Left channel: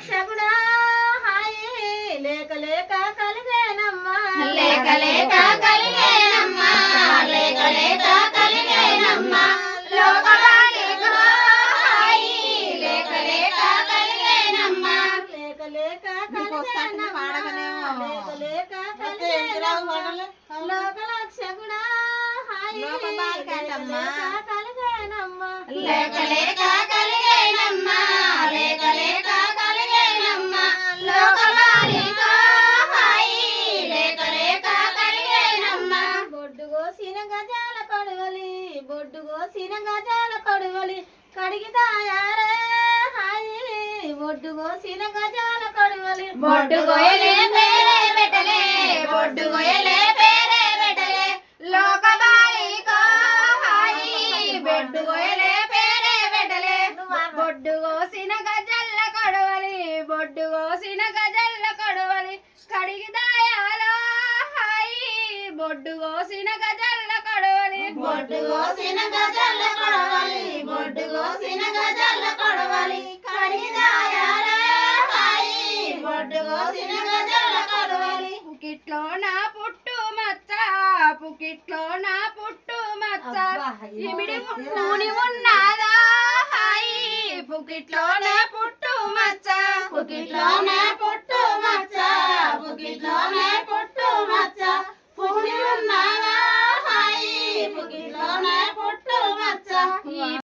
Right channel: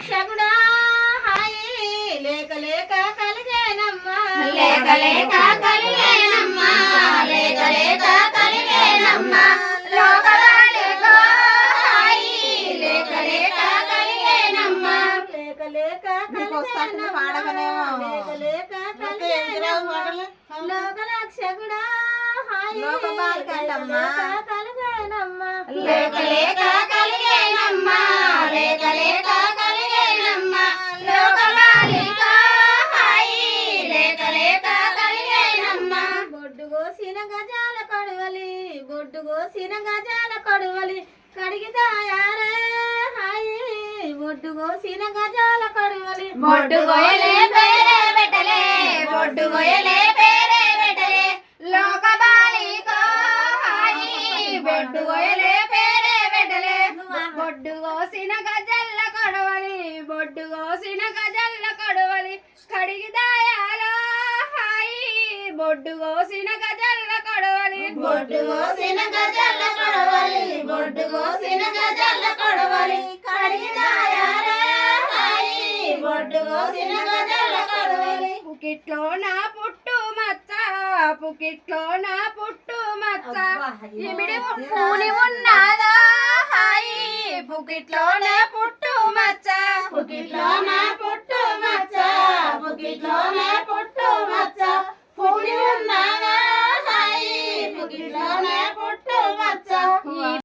లోకలక్షకుడా హాయి లేక లేక కలిగేనమ్మా లేక లేక కలిగేనమ్మా లేక లేక కలిగేనమ్మా లోకమాలికో హాయి లేక లేక కలిగేనమ్మా లేక లేక లేక లేక కలిగేనమ్మా లోకలక్షకుడా హాయి లోకమాలికమ్మా కలిగేనమ్మా లేక లేక కలిగేనమ్మా లేక లేక కలిగేనమ్మా లోకమాలికో హాయి లేక లేక కలిగేనమ్మా బొడ్డు కోసిన గజాల కడువలి బొడ్డు కోసిన గజాల కడువలి కడిగితాయారే హాయి బొడ్డు కోసిన గజాల కడువలి బొడ్డు గోయలే పేరే పెట్టలే బొడ్డు గోయలే పేరే పెట్టలే లోకమాలికో హాయి బొడ్డు గోయలే పేరే పెట్టలే బొడ్డు కోసిన గజల్ల కడవలి బొడ్డు కోసిన గజల్ల కడవలి కడిగిదాయాలో హాయి బొడ్డు కోసిన గజల్ల కడవలి బొడ్డు కోసిన గజాల కడువలి బొడ్డు కోసిన గజాల కడువలి కడిగితాయారే హాయి బొడ్డు కోసిన గజాల కడువలి పుకిట్లో నా పుట్టు మచ్చ పుకిట్లో నా పుట్టు మచ్చ ఇమిడి పూని ఉన్నాదా హాయి పుకిట్లో నా పుట్టు మచ్చ పుకిట్లో నా